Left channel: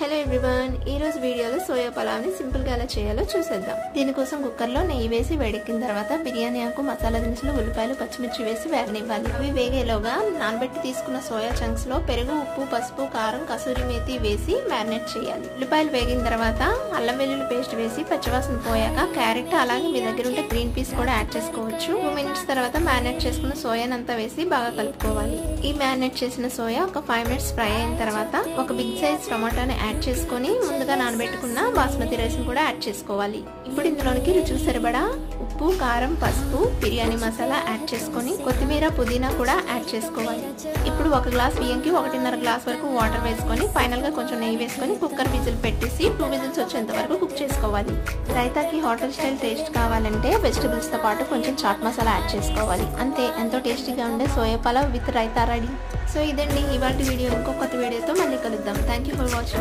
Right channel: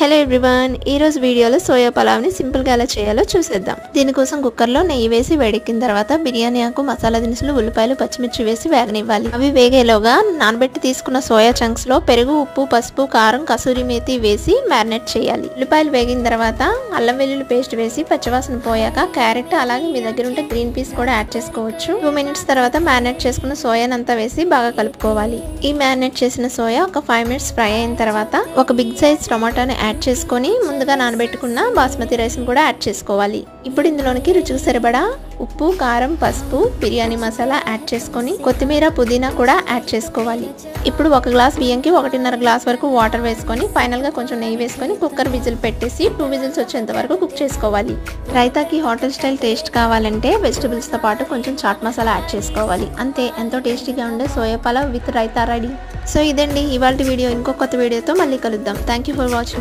Hello everyone, ఈ రోజు వీడియోలో సోయా పలావ్ని సింపుల్గా ఎలా చేయాలో చూసేద్దాం. దీనికోసం కుక్కర్లో నెయ్యి వేసి వేడెక్కిన తర్వాత బిర్యానీ ఆకు, మసాలా దినుసులు, ఉల్లిపాయలు, పచ్చిమిర్చి వేసి వేగనివ్వాలి. అవి వేగేలోగా నానబెట్టి తీసుకున్న సోయా చంక్స్ లో పెరుగు, ఉప్పు, పసుపు, కారం, కసూరి మేతి వేసి మ్యారినేట్ చేయాలి. ఉల్లిపాయలు వేగిన తర్వాత అల్లం వెల్లుల్లి పేస్ట్ వేసి పచ్చివాసన పోయాక క్యారెట్, అలాగే మీ దగ్గర ఉంటే గ్రీన్ పీస్ కూడా యాడ్ చేసుకోవచ్చు. 2 మినిట్స్ తర్వాత మ్యారినేట్ చేసుకున్న సోయానంతా వేసి బాగా కలుపుకోవాలి. ఈ మ్యారినేట్ చేసిన సోయా ఒక 5 మినిట్స్ ఫ్రై అయిన తర్వాత ఒక బిగ్ సైజ్ టమాటాని యాడ్ చేసుకొని ముందుగా నానబెట్టుకున్న బాస్మతి రైస్ ని కూడా యాడ్ చేసుకోవాలి. ఇప్పుడు ఇందులోనికి రుచికి సరిపడా ఉప్పు, కారం, పసుపు, బిర్యానీ మసాలా యాడ్ చేసుకొని కొత్తిమీర, పుదీనా కూడా యాడ్ చేసుకోవాలి. ఇప్పుడు 1 గ్లాస్ బియ్యంకి 1.5 గ్లాస్ వరకు వాటర్ వేసుకొని ఫైనల్ గా కొంచెం నెయ్యి వేసుకొని కుక్కర్ విజిల్ పెట్టేసి 2 విజిల్స్ వచ్చేంత వరకు కుక్ చేసుకోవాలి. రైతాకి హోటల్ స్టైల్ టేస్ట్ కావాలంటే వెజిటబుల్స్ తో పాటు కొంచెం చాట్ మసాలా యాడ్ చేసుకోవాలి. అంతే, ఎంతో టేస్టీగా ఉండే soya pulao with raita ready. So ఇదండి ఇవాల్టి వీడియో. ఇంకో కొత్త వీడియోతో మళ్ళీ కలుద్దాం. Thank you for watching.